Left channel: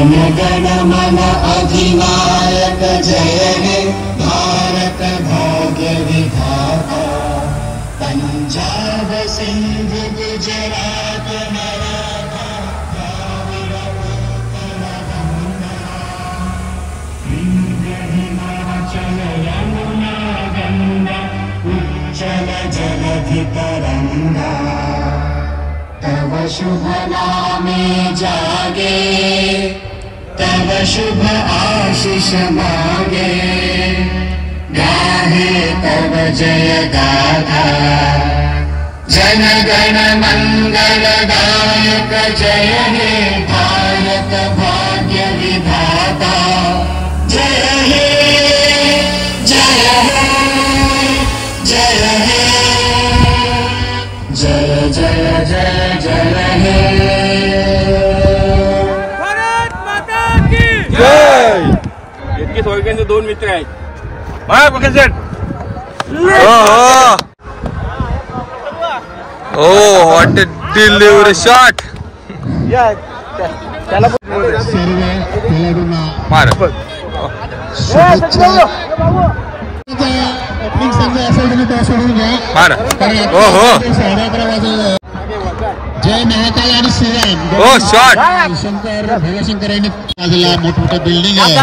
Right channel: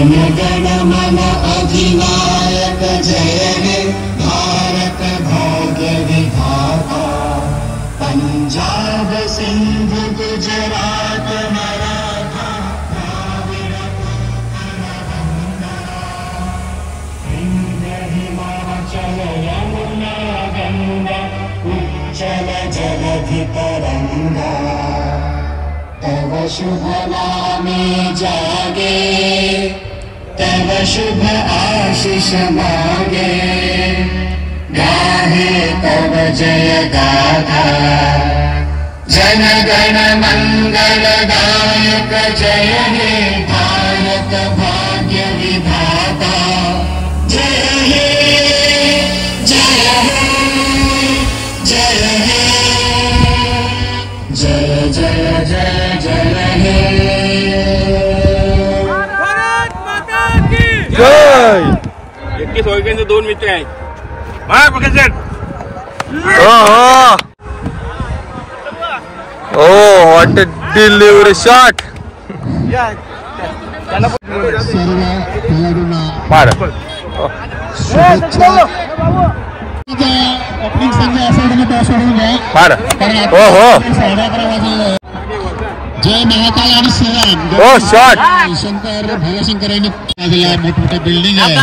जनगणमन अधिनायक जय हे भारत भाग्य विधाता। पंजाब सिंध गुजरात मराठा हिमाचल यमुना गंगा उज्जल जय शुभ नामे जागे, तब शुभ आशीष मांगे, गाहे तब जय गाथा, जन गण मंगल दायक जय हे भारत भाग्य विधाता, जय हे जय हे जय हे जय जय जय जय हे। भारत माता की जय। 21 वर्षांचे 2 मित्र आहेत. Oh, what a delivery shot! सर्व खेळाडूंना मार. ओपनिंग संघ असेल तुम्ही टॉस सोडून घ्या, मार. कारण हो हो. 11:30 वाजले. जय महाकाल आणि शिवान हो शॉट. शंकर भोलाशंकर यांनी बाजूला मोठमोठ्या बिल्डिंग आहे,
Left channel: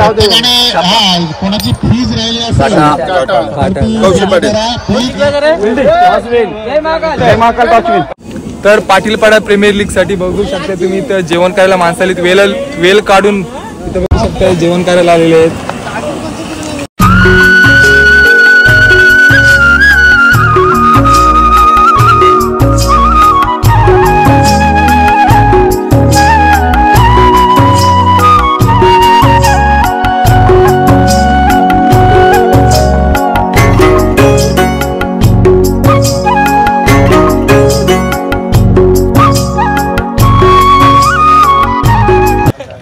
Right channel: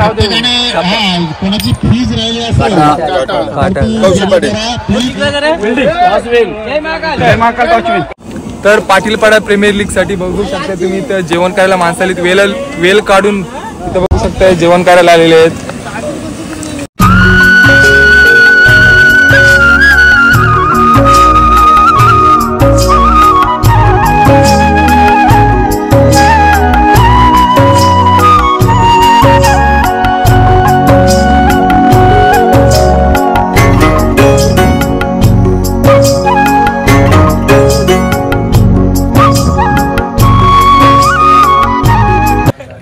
प्रत्येकाने कोणाची फीज राहिली असेल तर पाटीलपाडा प्रीमियर लीग साठी बघू शकता तुम्ही इथं जेवण करायला माणसं आलीत. वेल काढून इथं बघू शकता जेवण करायला आलेले आहेत.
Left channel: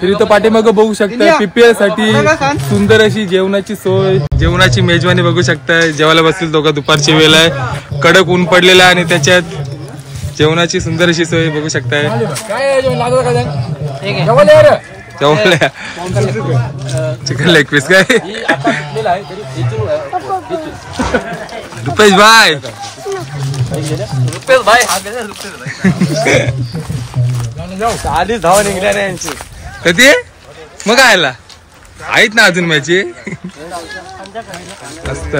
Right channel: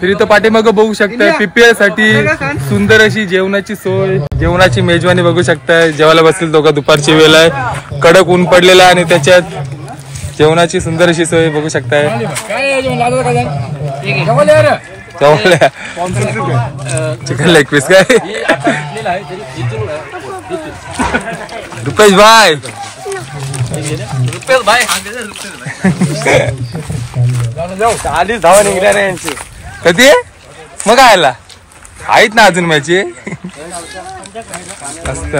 फिर इथं पाठीमाग बघू शकताय PPL साठी सुंदर अशी जेवणाची सोय, जेवणाची मेजवानी बघू शकताय. जेवायला बसतील दोघं, दुपारची वेळ आहे, कडक ऊन पडलेला आहे आणि त्याच्यात जेवणाची सुंदर अशी सोय बघू शकताय. चिकन लेग पीस काय रुपेश भाई कधी मग आयला आहेत ना अजून मॅची मस्त.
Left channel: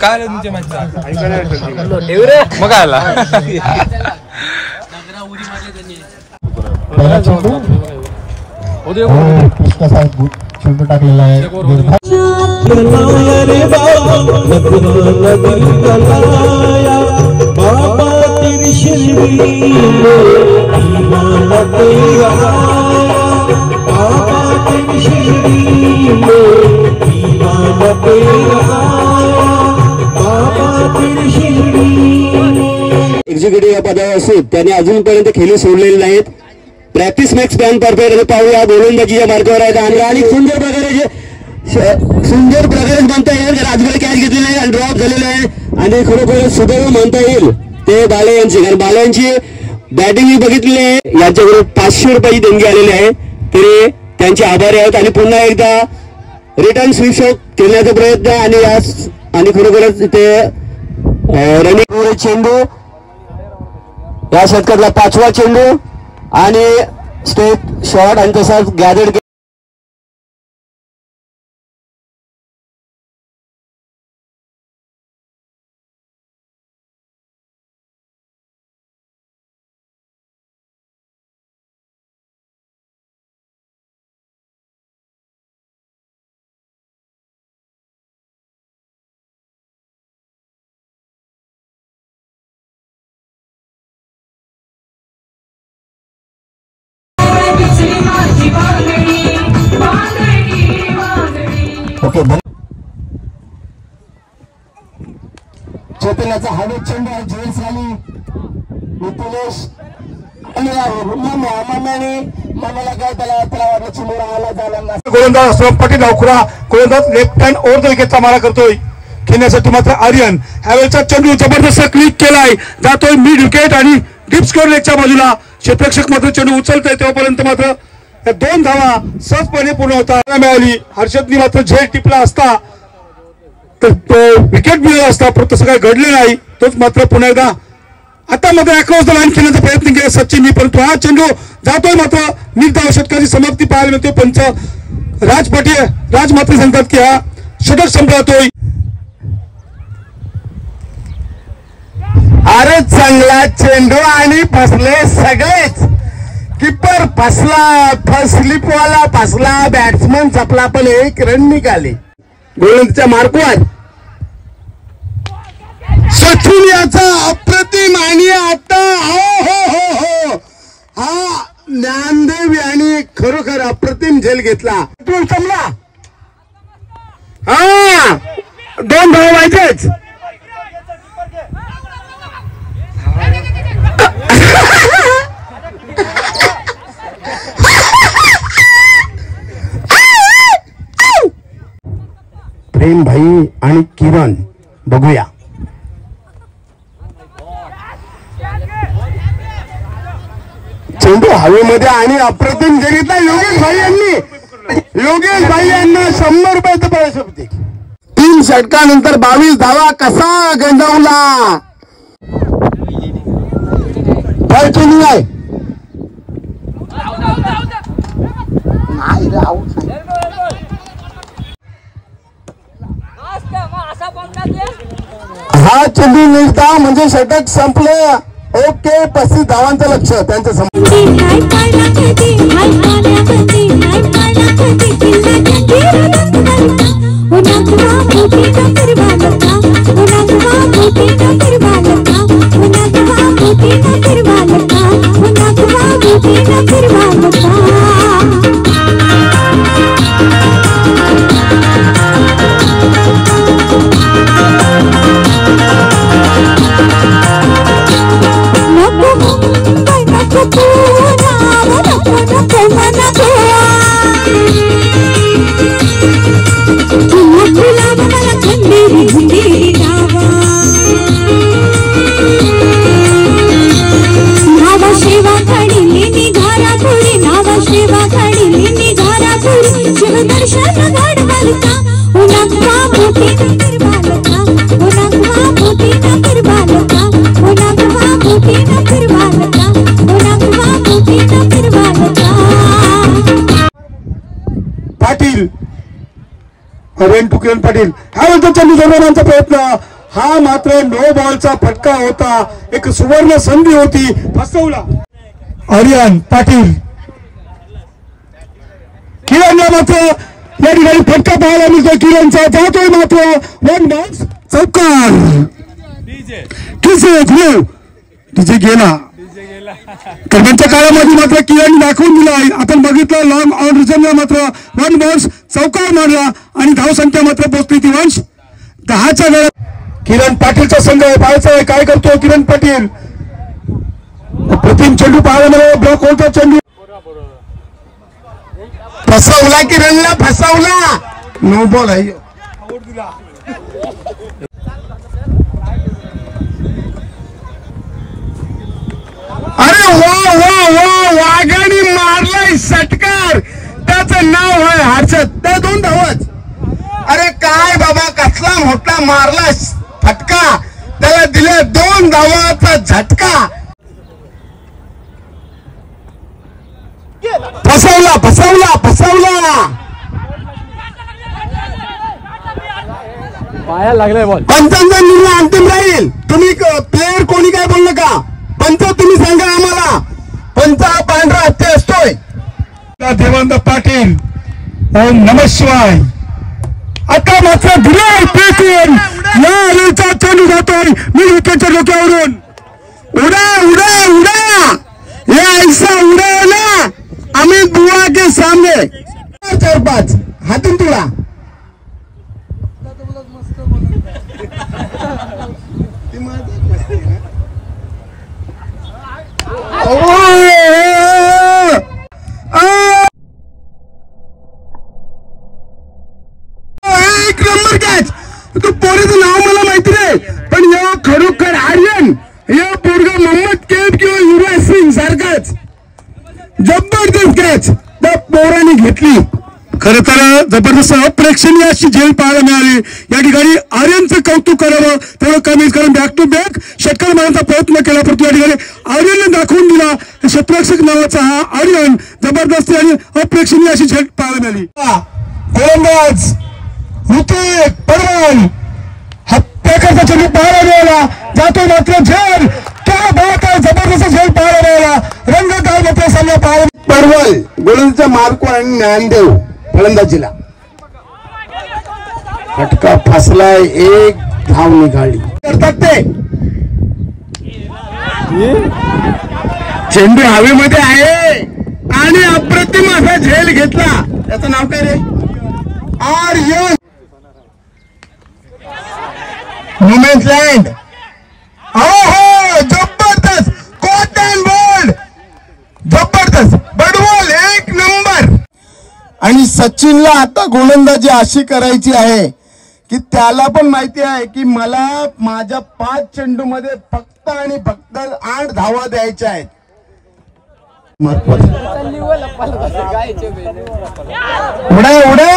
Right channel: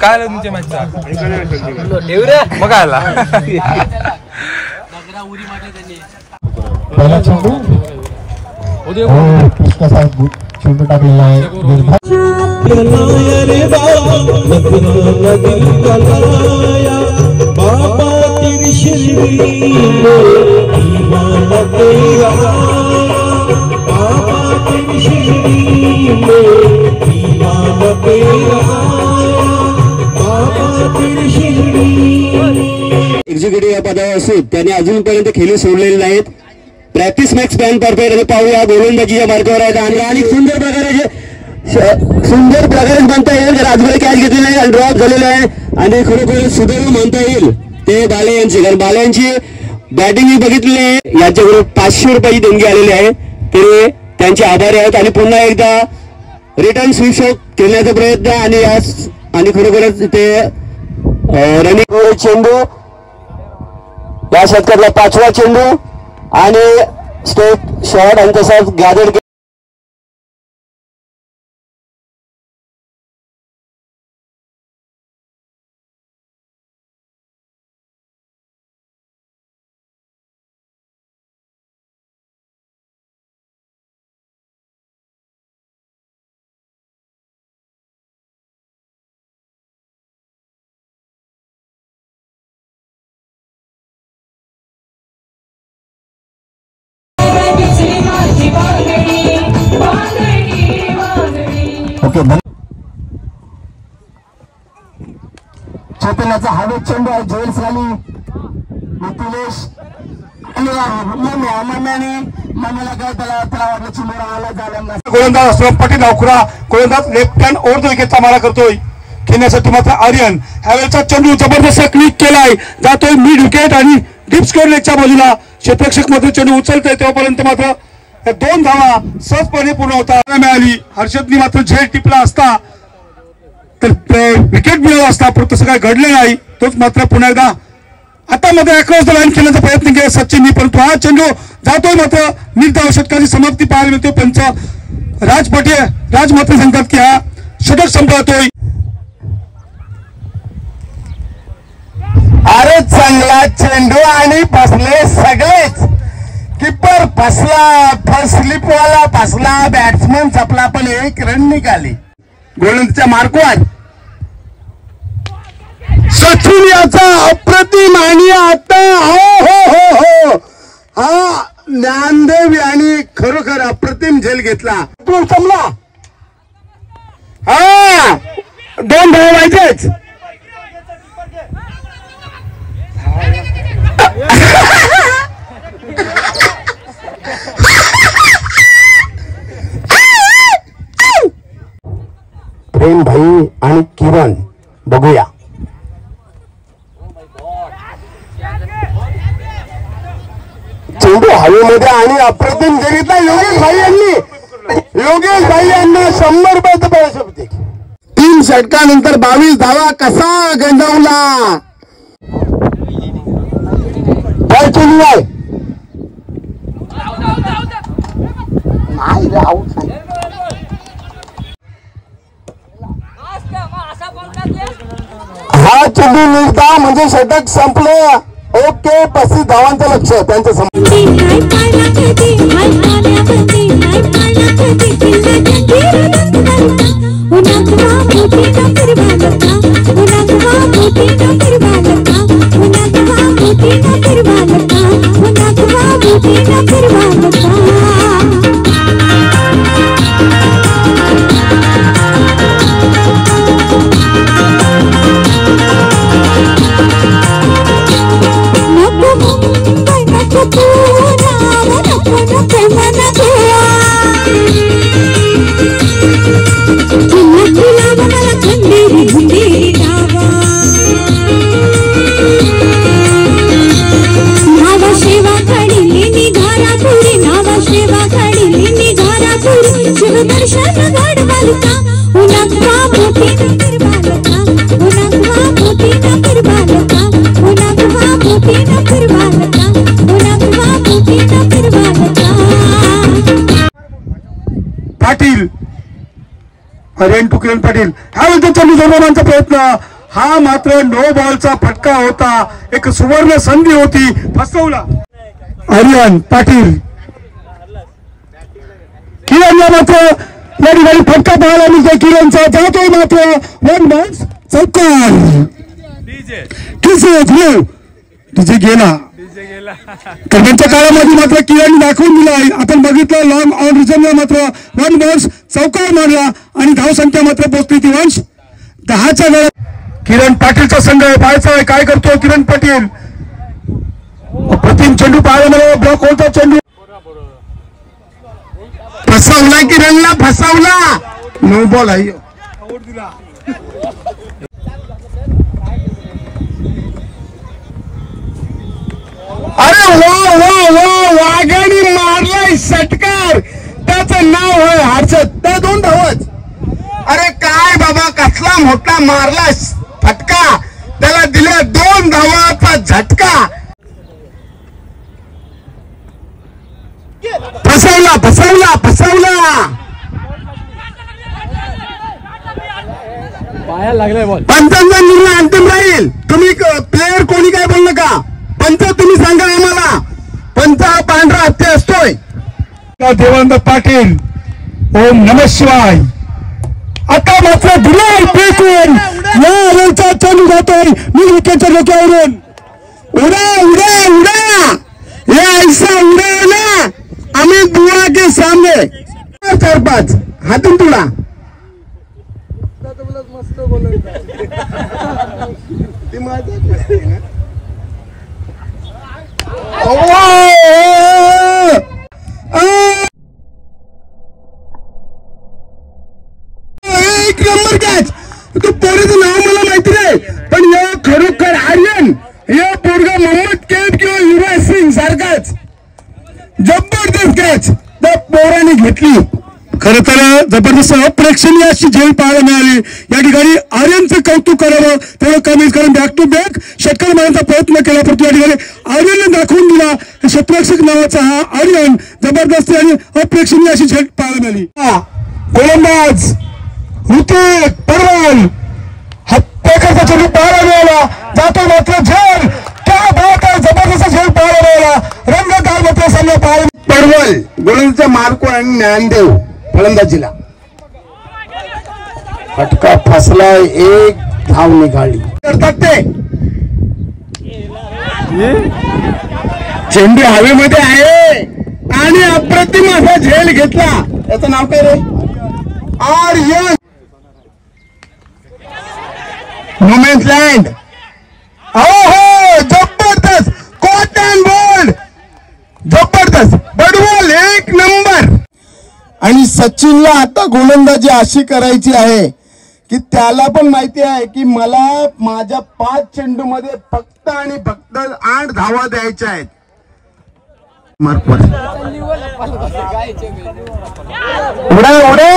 काय आलं तुमच्या मॅचचा मग आयला चेंडू टाकलेला आहे. एक्झिक्युटिव्ह या पदावर असून त्यांनी अजूनपर्यंत खेळी सोडलेले नाहीत. प्रॅक्टिस मॅक्स पॅन परफेक्ट पाहूया. गोलंदाजीच्या मार्गावर आहेत आणि सुंदर प्रकारे म्हणता येईल. राजगुरू कॅच घेतली नाही आणि ड्रॉप झालेला आहे आणि खरोखर सुदैव म्हणता येईल ते बाले यांची, कारण बाले यांची बॅटिंग मी बघितली आहे. यांच्याकडे 500 रुपयाची देणगी आलेली आहे, तरी त्यांचे आभारी आहेत आणि पुन्हा एकदा रिटर्न स्वीप शॉट खेळण्याचा प्रयत्न आणि खरोखरच ते रनिंग चेंडू या षटकातला 5वा चेंडू आणि स्टेप शॉट आणि तसाच गॅदर. चैतन्याचा हवेत चेंडू आहे. ज्वेल्स खाली नितीश मामाला काय त्याला वाटलं चेंडू आला झाला. गोलंदाज असतो पटेल नावखुरा, गोलंदाज लेफ्ट हँड ओव्हर द विकेटचा मारा करतोय. खेळण्यासाठी मात्र आर्यन ह्यावेळेचा चेंडू जबरदस्त क्लिक केलाय, जातोय मिड विकेट आणि डिप स्कोर लेगच्या बाजूला. क्षेत्ररक्षक मात्र चेंडू उचलतोय तेव्हापर्यंत मात्र 2 धावा सहजपणे पूर्ण होता मिळाली. हर्षदनी मात्र झेल टिपला असता तर विकेट मिळाला असता, परंतु तसं काय घडलं नाही. तोच मात्र पुन्हा एकदा आता मध्ये अक्रॉस द लाईन खेळण्याचा प्रयत्न केला सचिननी, परंतु हा चेंडू जातोय मात्र निर्धाव षटकाची समाप्ती पाहायला मिळते. पंच राज मात्र सांगतात की हा षटक संपवतोय. अरे चांगला चेंडू आणि फसले सगळेच. किपर फसला, स्लिपवाला फसला, बॅट्समन चपला, पण 1 रन निघाले. गोलंदाजच्या मार्कवर सचिन याचा अप्रतिम आणि आता हो हा ज्ञानदेव यांनी खरोखर अप्रतिम झेल घेतला. तू जमला. हा 2 धावा पाहिजेच. प्रेम भाई आणि किरण बघूया. चेंडू हवेमध्ये आणि अप्रतिम जगितला योगेश भाई यांना 100 रुपयाचं पैसे होते. 3 षटकानंतर 22 धावा कसा गंजावला. काय चेंडू आहे. हा चेंडू निघता म्हणजे षटक संपलं. ओके 35 धावांचं लक्ष त्यांच्या समोर. पाटील किरण पाटील हा चेंडू जोडण्याचा प्रयत्न. हा मात्र नो बॉलचा फटका होता. एक सुवर्ण संधी होती, फसवला. आर्यन पाटील किरणला मात्र या ठिकाणी फटका पाहायला मिळतो. किरणचा जातोय मात्र 1 बॉक्स चौकार. डीजे गेला. दरम्यानच्या काळामध्ये मात्र किरण दाखवून दिला. आपण बघितलं लॉंग ऑन रिझनला मात्र 1 बॉक्स चौकार मारला आणि धावसंख्या मात्र पोहोचली ती 10च्या वेळात. किरण पाटीलचा संघ पाहायचा आहे काय करतो किरण पाटील. प्रतिम चेंडू पाहायला मला ब्लॉक होता. चेंडू फसवला. किरणला फसवला. नो बॉल आहे. अरे वाघाने मारलाय षटकार. त्याचं नाव आहे हर्षद. त्या 2 धावच. अरे काय बाबा कसला मोठा मारला फटका. त्याला दिल्या 2 धावाचा झटका. फसवला. पाया लागलाय बॉल. पंचांचा निर्णय अंतिम राहील. तुम्ही प्लेअर कोणी काय बोललं का. पंच तुम्ही सांगा आम्हाला. पंच हा पांढरा हत्ती असतोय. देवानंद पाटील ओम नमः शिवाय. आता मात्र या चेंडू जातोय मी विकेटच्या डोक्यावरून. उडा ये ऐसा उडाला. अमित बुआ के सामने 4-5 हातून तुला. एक नंबर कॅच. तू पोरीचं नाव मला माहिती नाही पण या खरोखर आर्यन या पोरगा मोहम्मद कैफ किंवा युवराज सिंग सारखाच जबरदस्त कॅच त्या पोराने घेतली. खरं तर जबरदस्त अप्रेक्षणीय अशी झेल पाहायला मिळाली. या ठिकाणी आर्यनचं कौतुक करावं तेवढं कमीच, कारण बॅक टू बॅक षटकार मारण्याचा प्रयत्न केला, परंतु या ठिकाणी आर्यनने दाखवून दिला. क्षेत्ररक्षक नावाचा हा आर्यन जबरदस्त आणि अप्रेक्षणीय अशी झेल पाहायला मिळाली. गोलंदाज ऋतिक परवाल हत्याकाचा चेंडू पाहायला मिळाला, जातो मात्र झेल. क्या बात आहे, जबरदस्त झेल पाहायला मिळाला. रंगतदार मात्र सामना पाहायला. परवल गोलंदाजचा मार्को आणि ज्ञानदेव फलंदाजीला फटका फसलाय, एक धाव निघाली. करतात ते चेंडू हवेमध्ये आहे आणि अप्रतिम असा झेल घेतला. त्याचं नाव काय रे? आर्यन. No-man's land. हो जबरदस्त कॉट अँड बोल्ड, जबरदस्त बडबॉल, एक नंबर. आणि सचिनला आता गोलंदाजी अशी करायची आहे की त्याला पण माहिती आहे की मला माझ्या 5 चेंडू मध्ये फक्त आणि फक्त 8 धावा द्यायच्या आहेत. उड्या उड्या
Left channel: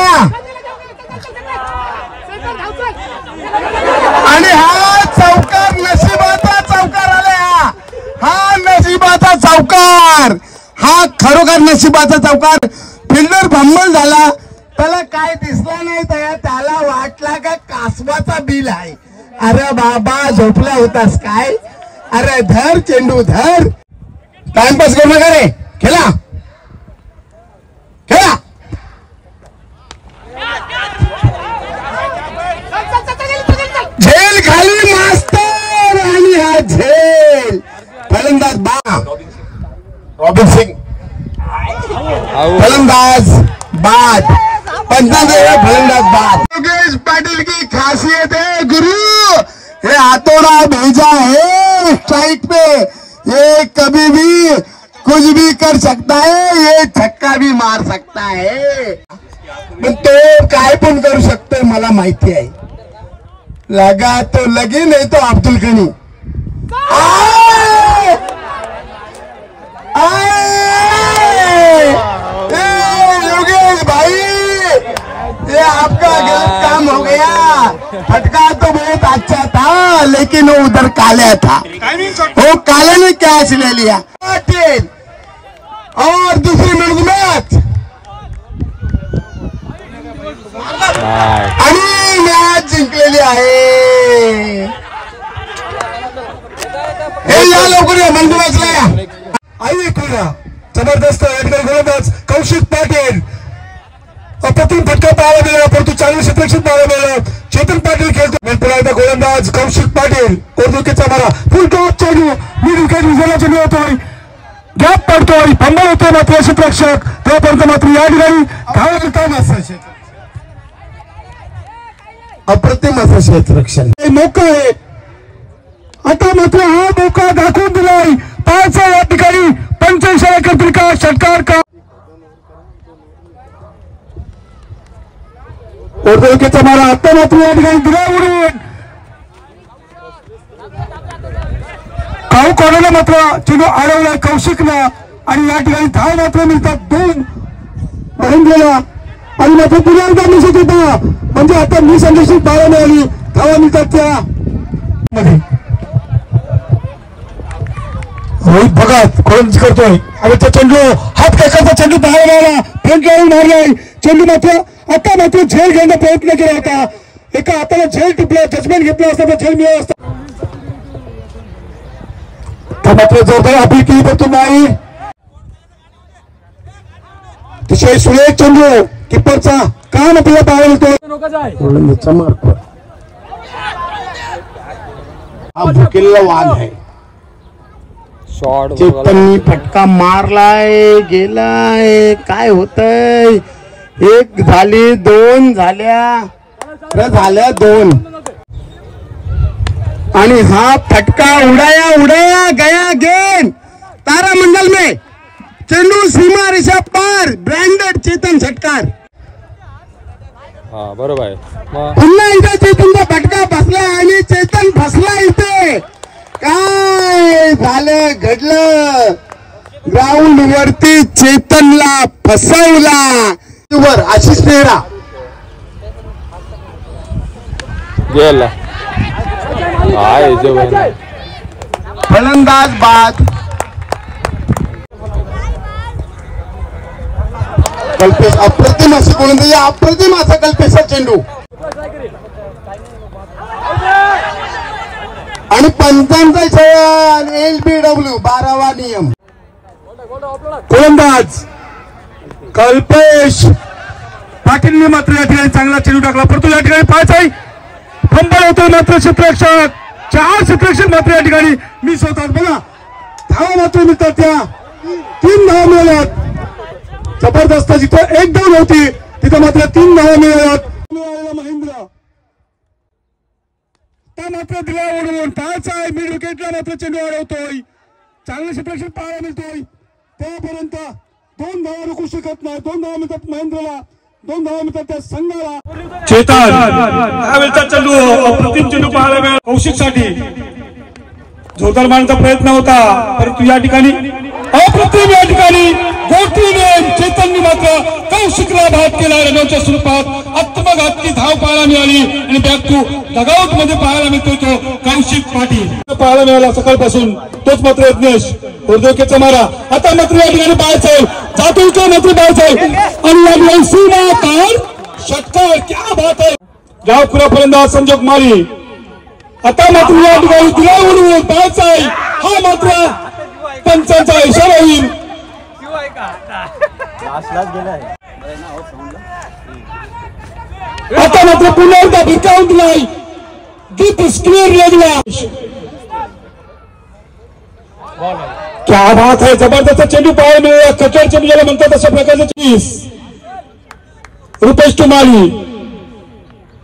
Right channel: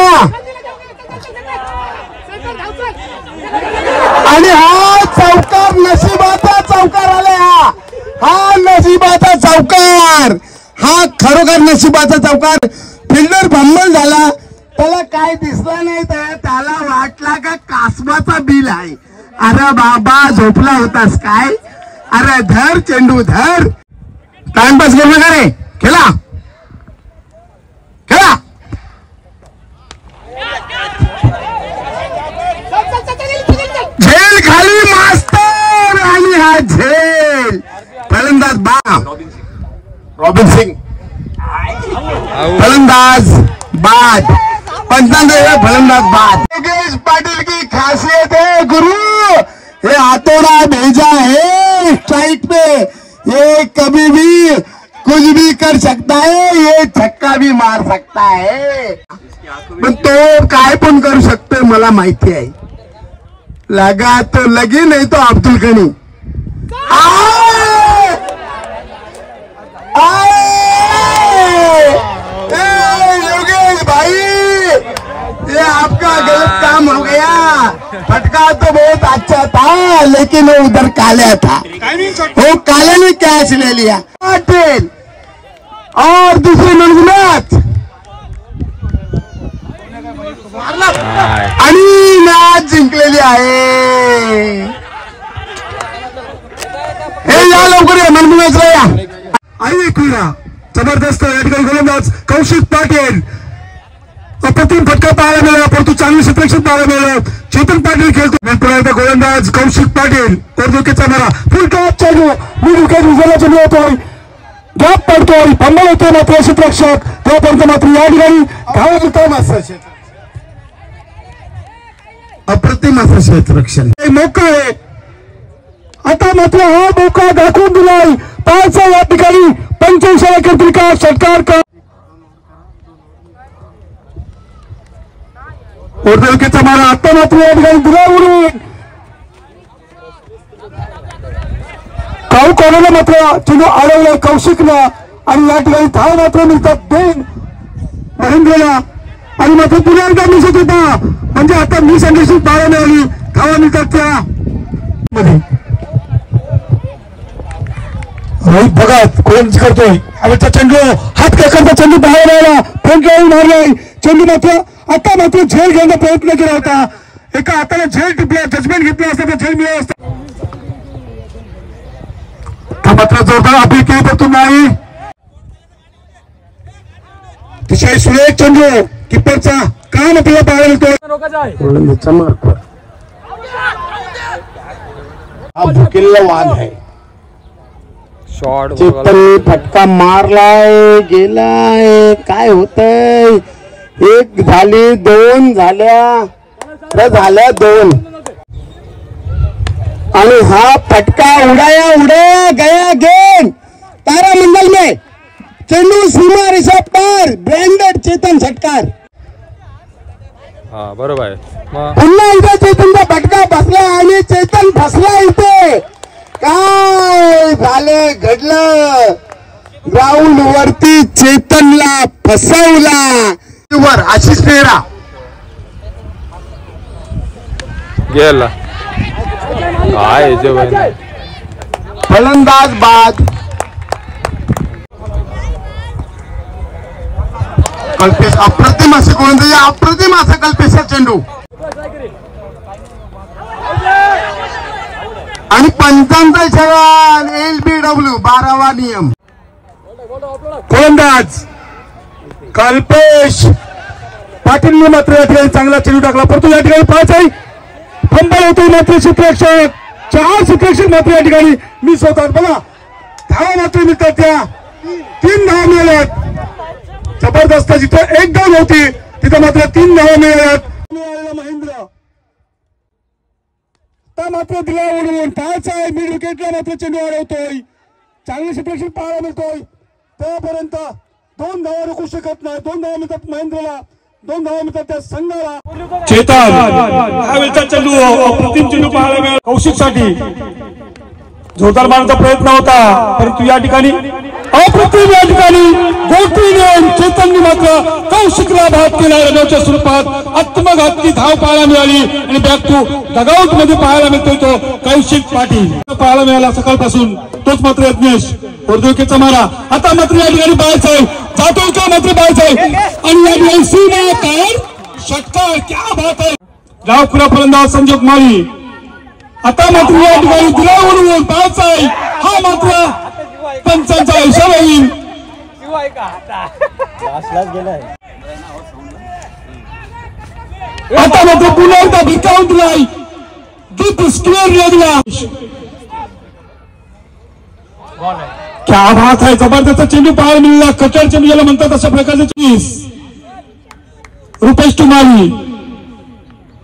आणि हा चौकार, नशिबाचा चौकार आला. हा नशिबाचा चौकार, हा खरोखर नशिबाचा चौकार. फिल्डर फंबल झाला, त्याला काय दिसला नाही, त्याला वाटला का कासवाचा बिल आहे. अरे बाबा झोपला होतास काय? अरे धर चेंडू धर. टाइमपास करू नका रे, खेळा खेळा. झेल खाली मास्तर आणि हा झेल. फलंदाज रॉबिन सिंग, फलंदाज बाद. पंचांचा फलंदाज बाद. योगेश पाटिल की खासियत है गुरु, ये हाथोड़ा भेजा है स्ट्राइक पे, ये कभी भी कुछ भी कर सकता है, ये छक्का भी मार सकता है. पण तो काय पण करू शकतोय मला माहिती आहे. लगा तो लगे, नाही तो अब्दुल गनी. योगेश भाई, ये आपका गलत काम हो गया. फटका तो बहुत अच्छा था लेकिन वो उधर काला था, वो काले ने कैच ले लिया. पाटिल और दूसरी मैच आणि मॅच जिंकलेली आहे. हे या लवकर या मनमुनाचला या. आई क्रीडा जबरदस्त या ठिकाणी गोलंदाज कौशिक पाटील, अप्रतिम फटका पाहायला मिळाला, परंतु चांगलं क्षेत्ररक्षण पाहायला मिळालं. चेतन पाटील खेळतो. पुन्हा एकदा गोलंदाज कौशिक पाटील, ओरदुकेचा मारा, फुल टॉप चेंडू, मिड विकेट विजयाला चेंडू होतोय, गॅप पडतो आणि फंबल होतोय मात्र क्षेत्ररक्षक. तोपर्यंत मात्र या ठिकाणी धावा मिळतो मास्तर. अप्रतिम असं क्षेत्ररक्षण. मोका आहे आता मात्र हा मोका दाखवून दिलाय. पाहायचा या ठिकाणी 85 एकत्रिका षटकार का ओरदुकेचा मारा. आता मात्र या ठिकाणी दिला उडून कोणाला मात्र चेंडू अडवलाय कौशिकला आणि या ठिकाणी धाव मात्र मिळतात 2 महेंद्रला. आणि मात्र पुन्हा एकदा मिसत होता, म्हणजे आता मिस अंडरस्टँडिंग पाहायला मिळाली. धावा मिळतात त्या मध्ये. रोहित भगत गोलंदाजी करतोय. हवेचा चेंडू, हात केकरचा चेंडू बाहेर आला, फ्रंट लाईन मारलाय. चेंडू मात्र आता मात्र झेल घेण्याचा प्रयत्न केला होता. एका हाताने झेल टिपला, जजमेंट घेतला असता झेल मिळाला असता. मात्र जोरदार अपील केली परंतु नाही. अतिशय सुरेख चेंडू किपरचा काम आपल्याला पाहायला मिळतो. हा भुकेलेला वाघ आहे. शॉट चेतनने फटका मारलाय, गेलाय, काय होतंय. 1 झाली, 2 झाल्या, झाल्या 2 आणि हा फटका उडाया उडाया गया गेम. तारामंडल में चेंडू सीमा रेषा पार, ब्रँडेड चेतन षटकार. हा बरोबर आहे. पुन्हा एकदा चेतनचा फटका बसला आणि चेतन फसला इथे. काय झालं घडलं, ग्राउंड वरती चेतनला फसवला. ओव्हर आशिष नेहरा गेला फलंदाज बाद. कल्पेश अप्रतिम असे गोलंदाजी, अप्रतिम असा कल्पेशचा चेंडू आणि पंचांचा इशारा LBW 12वा नियम. गोलंदाज कल्पेश पाटीलने मात्र या ठिकाणी चांगला चेंडू टाकला, परंतु या ठिकाणी 5 आहे फंबल होतो. मात्र क्षेत्ररक्षक 4 क्षेत्ररक्षक मात्र या ठिकाणी मिस होतात. बघा धावा मात्र मिळतात, त्या 3 धावा मिळाल्यात. जबरदस्त, जिथं 1 धाव होती तिथं मात्र 3 धावा मिळाल्यात. महेंद्र आता मात्र दिला उडवून टाच आहे. मिड विकेटला मात्र चेंडू अडवतोय. चांगले क्षेत्ररक्षक पाहायला मिळतोय. तोपर्यंत 2 धावा रोखू शकत नाही. 2 धावा मिळतात महेंद्रला, 2 धावा मिळतात त्या संघाला. चेतन ह्यावेळचा चेंडू अप्रतिम चेंडू पाहायला मिळाला कौशिकसाठी. जोरदार मारण्याचा प्रयत्न होता, परंतु या ठिकाणी अप्रतिम या ठिकाणी गोटीने चेतनने मात्र कौशिकला बाद केला. रनच्या स्वरूपात आत्मघातकी धाव पाहायला मिळाली आणि बॅक टू डगआउट मध्ये पाहायला मिळतोय तो कौशिक पाटील पाहायला मिळाला सकाळपासून. तोच मात्र यज्ञेश वर्धोकेचा मारा आता मात्र या ठिकाणी बाहेर जातो का मात्र बाहेर आणि या ठिकाणी सीमा तार षटकार. क्या बात आहे. डावखुरा फलंदाज संजोग मारी आता मात्र या ठिकाणी दिलावरून बाहेर आहे. हा मात्र पंचांचा इशारा होईल. आता मात्र पुन्हा एकदा भिकावून दिलाय. डीप स्क्वेअर लागला. क्या बात आहे. जबरदस्त चेंडू पाहायला मिळाला. कटर चेंडू ज्याला म्हणतात अशा प्रकारचे रुपेश टुमाली.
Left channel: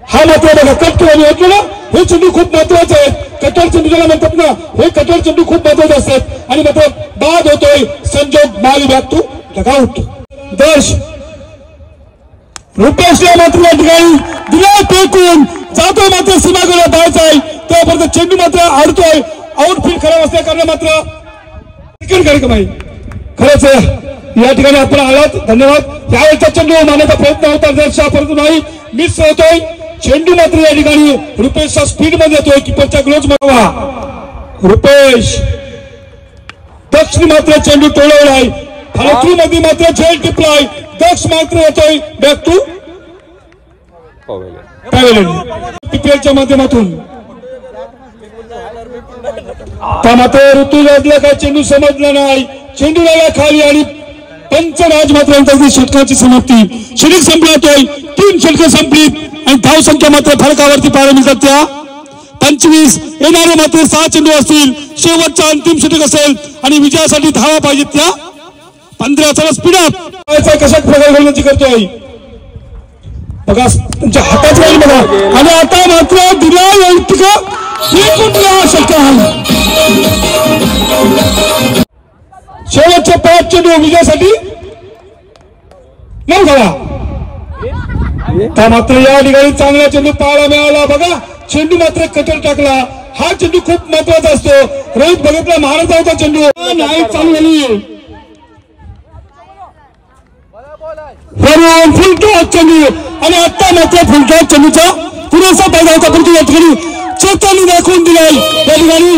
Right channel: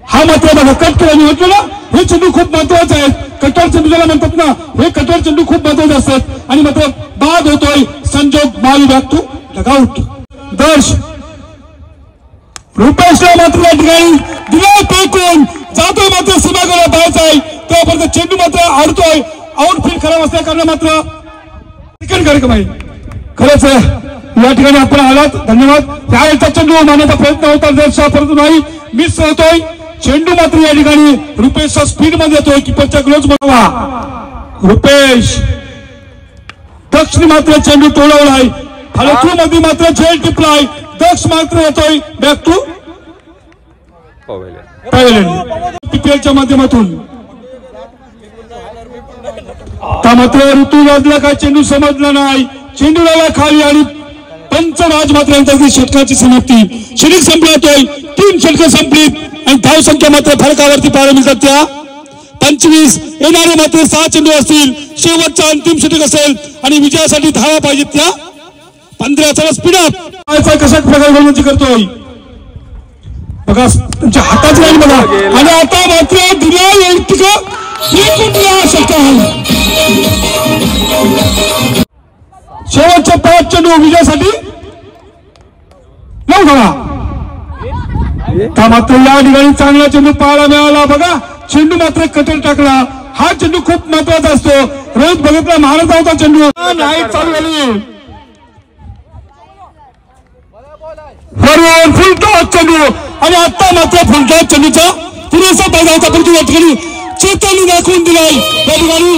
हा मात्र बघा कट म्हटलं ना, हे चेंडू खूप महत्वाचे आहेत. कटर चेंडू ज्याला म्हणतात ना, हे कटर चेंडू खूप महत्वाचे असतात. आणि मात्र बाद होतोय संजोग माली बॅक टू डगआउट. दर्श रुपेशला मात्र या ठिकाणी दिला फेकून जातोय मात्र सीमागोला बाहेर आहे. त्यापर्यंत चेंडू मात्र आडतोय. आउटफील्ड खराब असल्या कारण मात्र क्रिकेट कार्यक्रम आहे. खरंच या ठिकाणी आपण आलात, धन्यवाद. त्यावेळेचा चेंडू मारण्याचा प्रयत्न होता दर्शा, परंतु नाही, मिस होतोय. चेंडू मात्र या ठिकाणी रुपेशच्या स्पीड मध्ये येतोय. किपरच्या ग्लोव्ज मागवा रुपेश. दक्षने मात्र चेंडू तोडवलाय. फालतू मध्ये मात्र झेल टिपलाय. दक्ष मात्र येतोय बॅक टू पीपीएलच्या माध्यमातून. त्या मात्र ऋतुराजला काय चेंडू समजला नाही. चेंडू लागला खाली आणि पंचराज मात्र यांच्यासाठी षटकाची समाप्ती. षटक संपलातोय. 3 षटकं संपली आणि धाव संख्या मात्र फरकावरती पाहायला मिळतात त्या 25. येणारे मात्र 6 चेंडू असतील. शेवटचा अंतिम षटक असेल आणि विजयासाठी धावा पाहिजेत त्या 15. चला स्पीड अप. कशा प्रकारे गोलंदाजी करतोय बघा, तुमच्या हातात जाईल बघा. आणि आता मात्र दिला शेवटचे 5 चेंडू विजयासाठी नाही बघा. त्या मात्र या ठिकाणी चांगला चेंडू पाहायला मिळाला. बघा चेंडू मात्र कटर टाकला. हा चेंडू खूप महत्वाचा असतो. रोहित बघितला महाराजा होता चेंडू नाही चालू. फुलटॉस चेंडू आणि आता मात्र फुलटॉस चेंडूचा पुरेसा फायदा होता, परंतु या ठिकाणी चेतनने दाखवून दिलाय. त्या ठिकाणी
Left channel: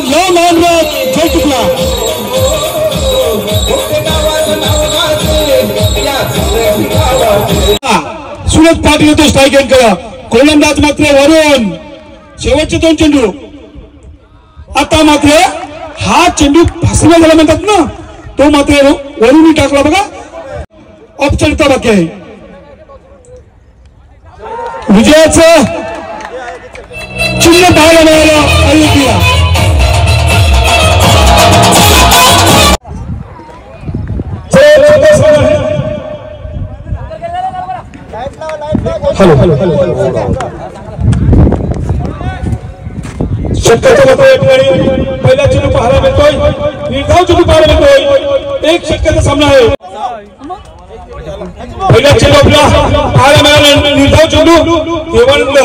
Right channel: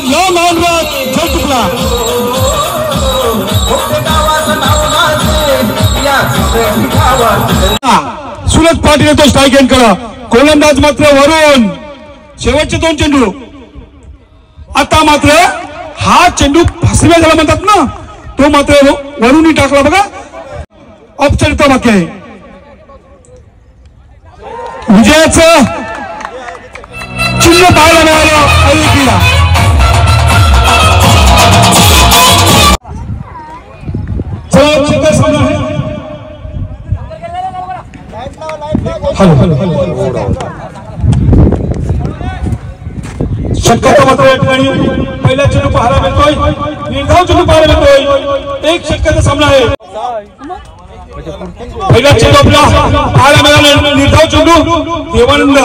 सुरज पाटील येतो स्ट्राईक एंड करा. गोलंदाज मात्र वरून. शेवटचे 2 चेंडू. आता मात्र हा चेंडू फसवे झाला म्हणतात ना, तो मात्र वरून टाकला. बघा ऑफसाईडचा बाकी आहे. विजयाचं चिन्ह पाहायला मिळालं. षटकाचा मात्र या ठिकाणी पहिला चेंडू पाहायला मिळतोय. निर्धाव चेंडू पाहायला मिळतोय. 1 षटकाचा सामना आहे. पहिला चेंडू आपला पाहायला मिळाला. निर्धाव चेंडू देवानंद.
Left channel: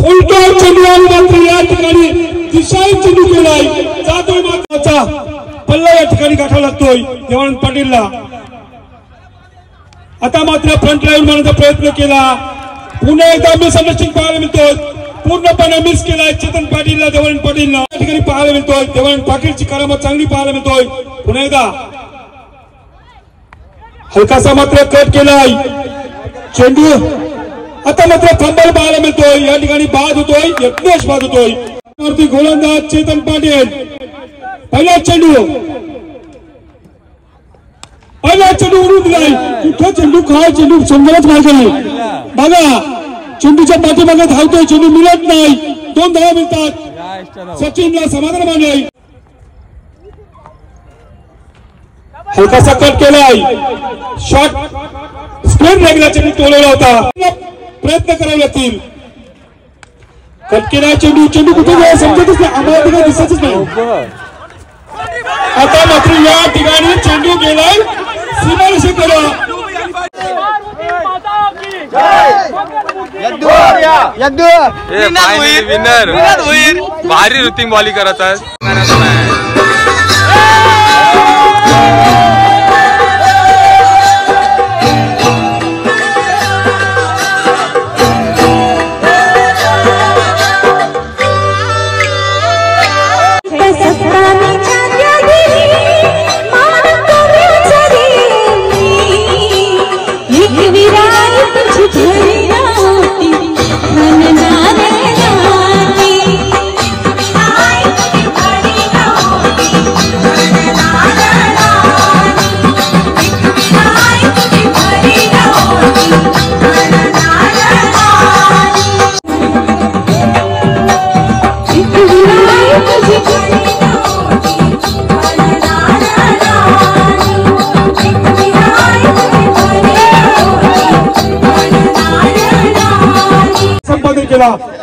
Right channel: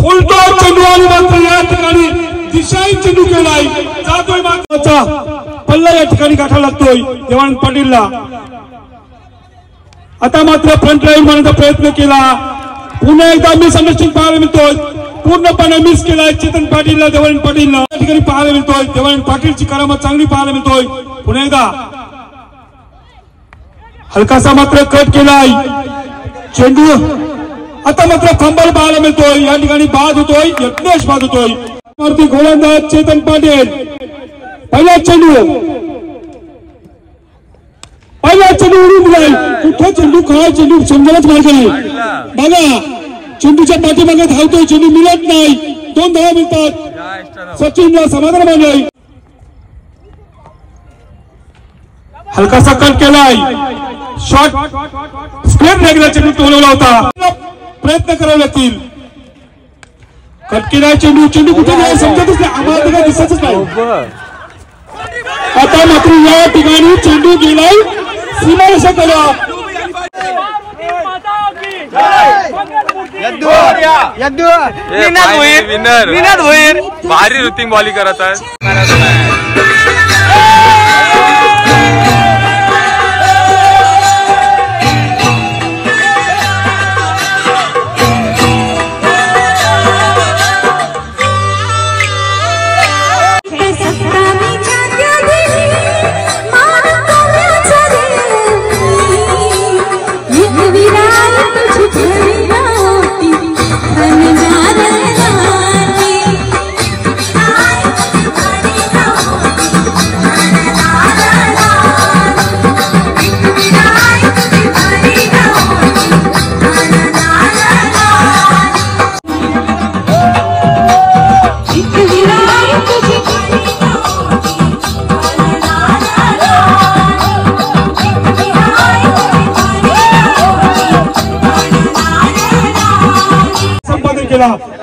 फुलटॉस चेंडू आणि मात्र या ठिकाणी दिशाही चेंडू केलाय. जातोय महत्वाचा पल्ला या ठिकाणी गाठा लागतोय देवानंद पाटीलला. आता मात्र फ्रंट लाईन मारण्याचा प्रयत्न केला, पुन्हा एकदा मिसअंडरस्टँडिंग पाहायला मिळतोय, पूर्णपणे मिस केलाय चेतन पाटीलला, देवानंद पाटीलला या ठिकाणी पाहायला मिळतोय. देवानंद पाटीलची करामत चांगली पाहायला मिळतोय. पुन्हा एकदा हलकासा मात्र कट केलाय चेंडू, आता मात्र फंबल पाहायला मिळतोय. या ठिकाणी बाद होतोय, यज्ञेश बाद होतोय. वरती गोलंदाज चेतन पाटील, पहिला चेंडू उडून दिलाय. कुठं चेंडू काय चेंडू समजायलाच मार्ग नाही. बघा चेंडूच्या पाठीमागे धावतोय, चेंडू मिळत नाही. 2 धावा मिळतात, सचिनला समाधान मानलाय. हलकासा कट केलाय, शॉट स्क्वेअर लेगला चेंडू टोलवला होता, प्रयत्न करावे लागतील. कट केलाय चेंडू, चेंडू कुठे गेला समजतच नाही, आम्हाला दिसतच नाही. आता मात्र या ठिकाणी चेंडू गेलाय सीमारेषेकडे. फायनली विनर, भारी रुटीन बॉलिंग करत आहे.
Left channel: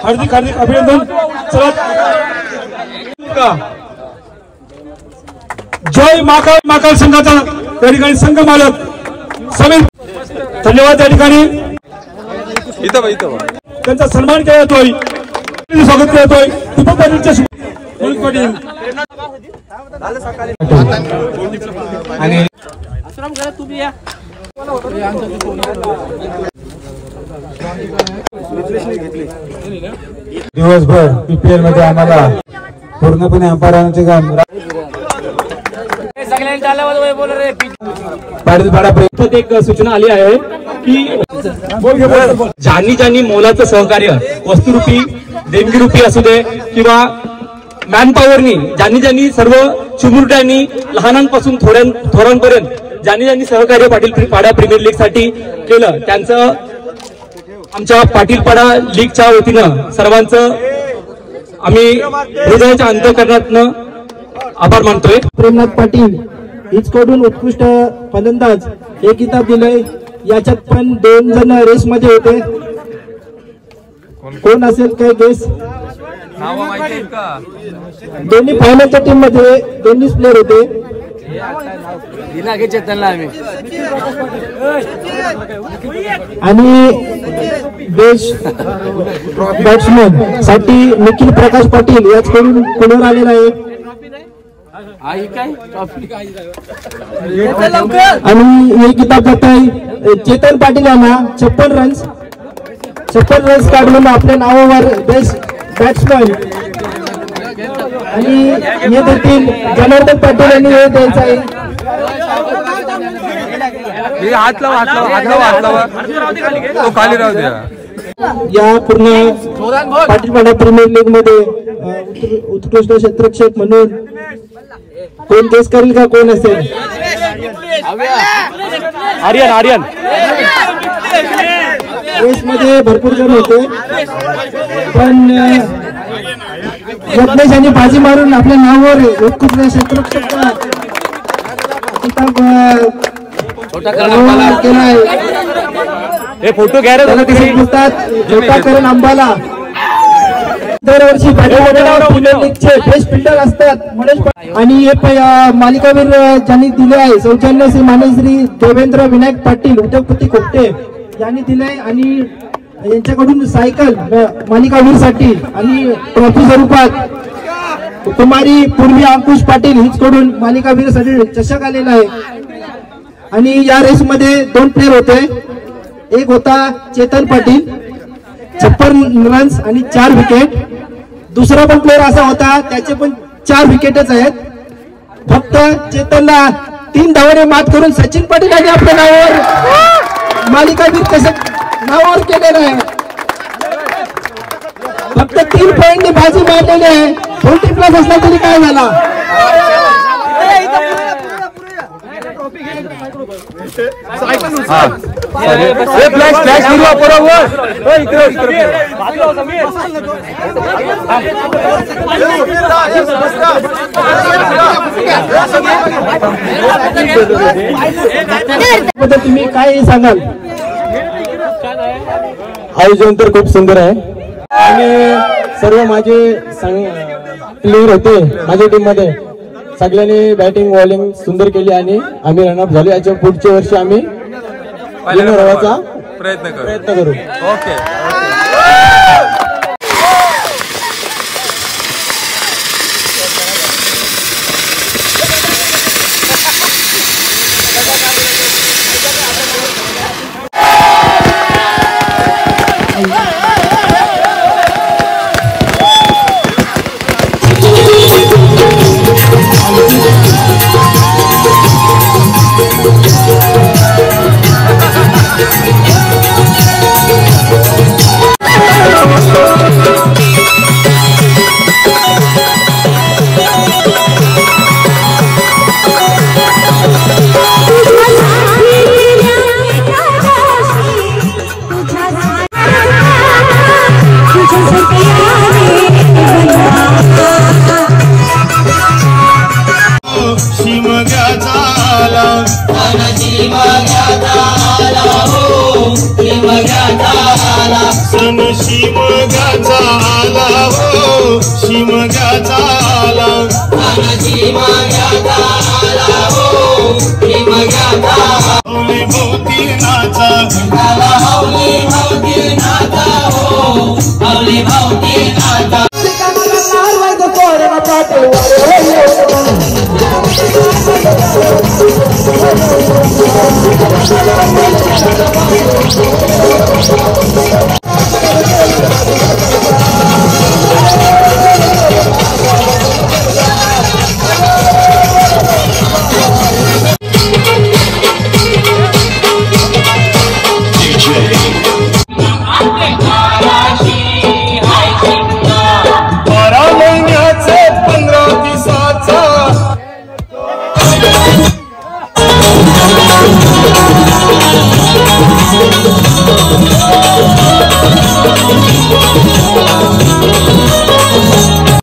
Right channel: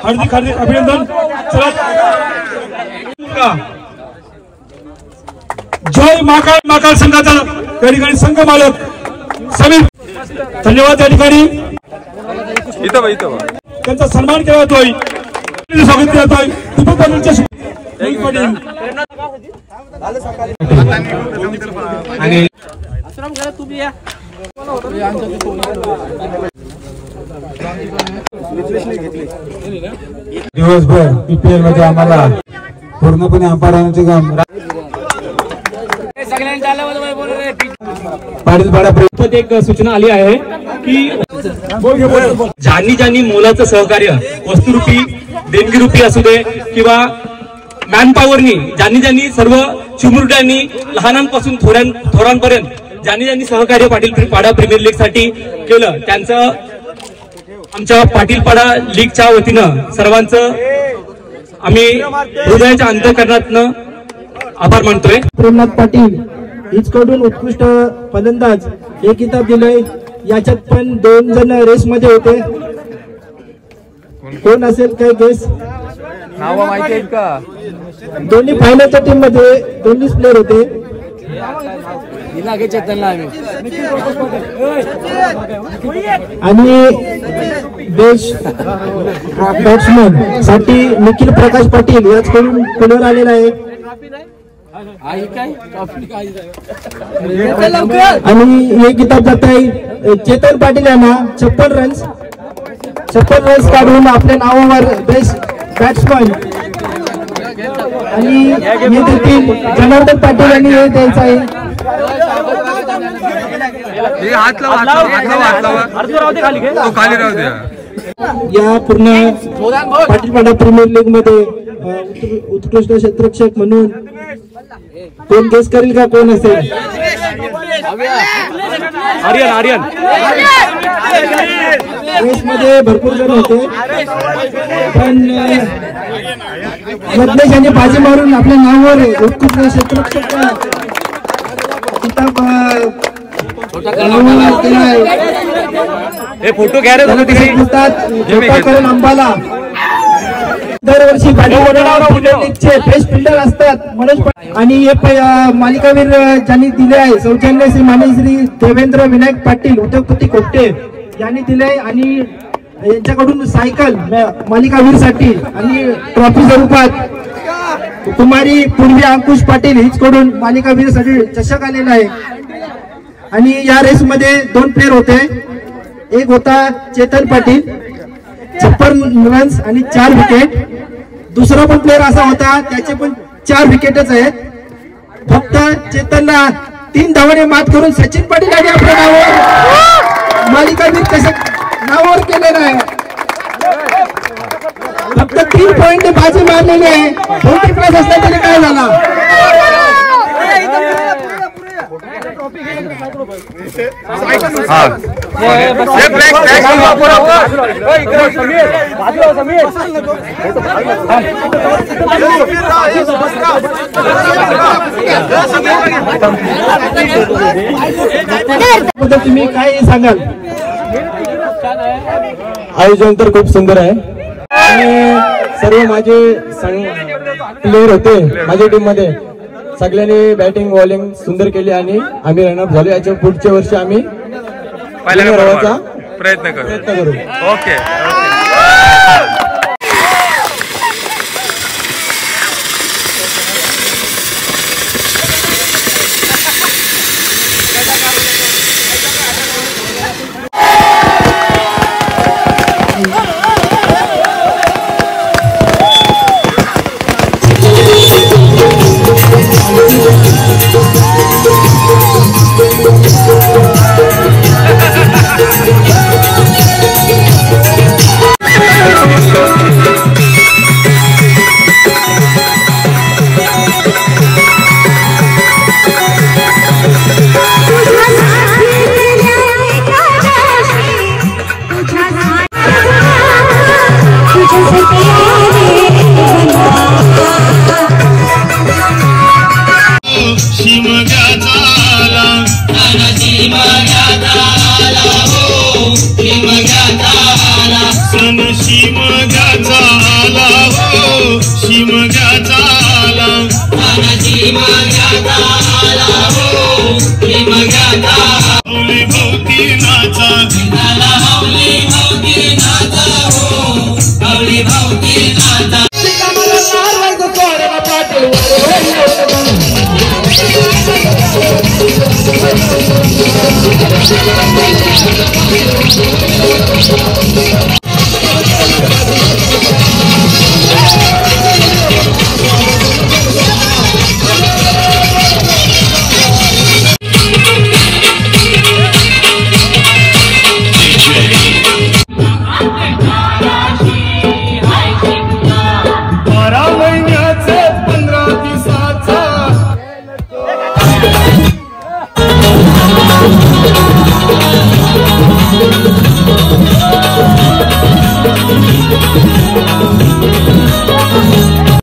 हार्दिक हार्दिक अभिनंदन. चला जय महाकाल संघाचा या ठिकाणी संघ मालक समीर, धन्यवाद. या ठिकाणी त्यांचा सन्मान केला जातोय, स्वागत केलं जातोय. दीपक पाटीलच्या दिवसभर पीपीएल मध्ये आम्हाला पूर्णपणे अंपायरांचे काम एक सूचना आली आहे की ज्यांनी मोलाचं सहकार्य वस्तुरूपी देणगीरूपी असू दे किंवा मॅनपॉवरनी ज्यांनी सर्व चिमुरड्यांनी लहानांपासून थोरांपर्यंत ज्यांनी सहकार्य पाडा प्रीमियर लीग साठी केलं, त्यांचं आमच्या पाटीलपाडा लीगच्या वतीनं सर्वांचं आम्ही हृदयाच्या अंतःकरणातनं आभार मानतोय. प्रेमनाथ पाटील हिचकडून उत्कृष्ट फलंदाज हे किताब दिलंय. याच्यात पण 2 जण रेस मध्ये होते. कोण असेल काय गेस? नाव माहिती आहेत का? दोन्ही फायनलच्या टीम मध्ये दोन्हीच प्लेअर होते. आणि बेस्ट बॅट्समन साठी निखिल प्रकाश पाटील याचकडून पुढे आलेला आहे. आणि हे किताब जात आहे चेतन पाटील यांना 56 रन्स काढून आपल्या नावावर बेस्ट बॅट्समन. आणि हे देखील जनार्दन पाटील यांनी हे द्यायचं आहे. हात लावा तो खाली राहू द्या. या पूर्ण पाटीलपाडा प्रीमियर लीग मध्ये उत्कृष्ट क्षेत्ररक्षक म्हणून कोण गेस करेल का? कोण असेल? आर्यन रेस मध्ये भरपूर जण होते, पण यज्ञेश यांनी बाजी मारून आपल्या नावावर उत्कृष्ट क्षेत्ररक्षक फोटो घ्या रे. करण अंबाला दरवर्षी प्रीमियर लीगचे बेस्ट फिल्डर असतात आणि हे मालिकावीर ज्यांनी दिले आहे सौजन्य श्री माननीय श्री देवेंद्र विनायक पाटील उद्योगपती कोपटे यांनी दिले. आणि यांच्याकडून सायकल मालिकावीर साठी आणि ट्रॉफी स्वरूपात कुमारी पूर्वी अंकुश पाटील हिचकडून मालिकावीर साठी चषक आलेला आहे. आणि या रेस मध्ये 2 प्लेयर होते. एक होता चेतन पाटील 56 रन्स आणि 4 विकेट. दुसरा पण प्लेयर असा होता त्याचे पण 4 विकेटच आहेत. फक्त चेतनला 3 धावाने मात करून सचिन पाटील यांनी आपल्या नावावर मालिकावीर चषक नावावर केलेलं आहे. फक्त 3 पॉइंटने बाजी मारलेली आहे. 40+ असला तरी काय झाला. तुम्ही काय सांगाल. आयोजन तर खूप सुंदर आहे आणि सर्व माझे प्लेयर होते माझ्या टीम मध्ये. सगळ्यांनी बॅटिंग बॉलिंग सुंदर केली आणि आम्ही रनअप झालो. याच्या पुढच्या वर्षी आम्ही प्रयत्न करू. ओके. Thank you.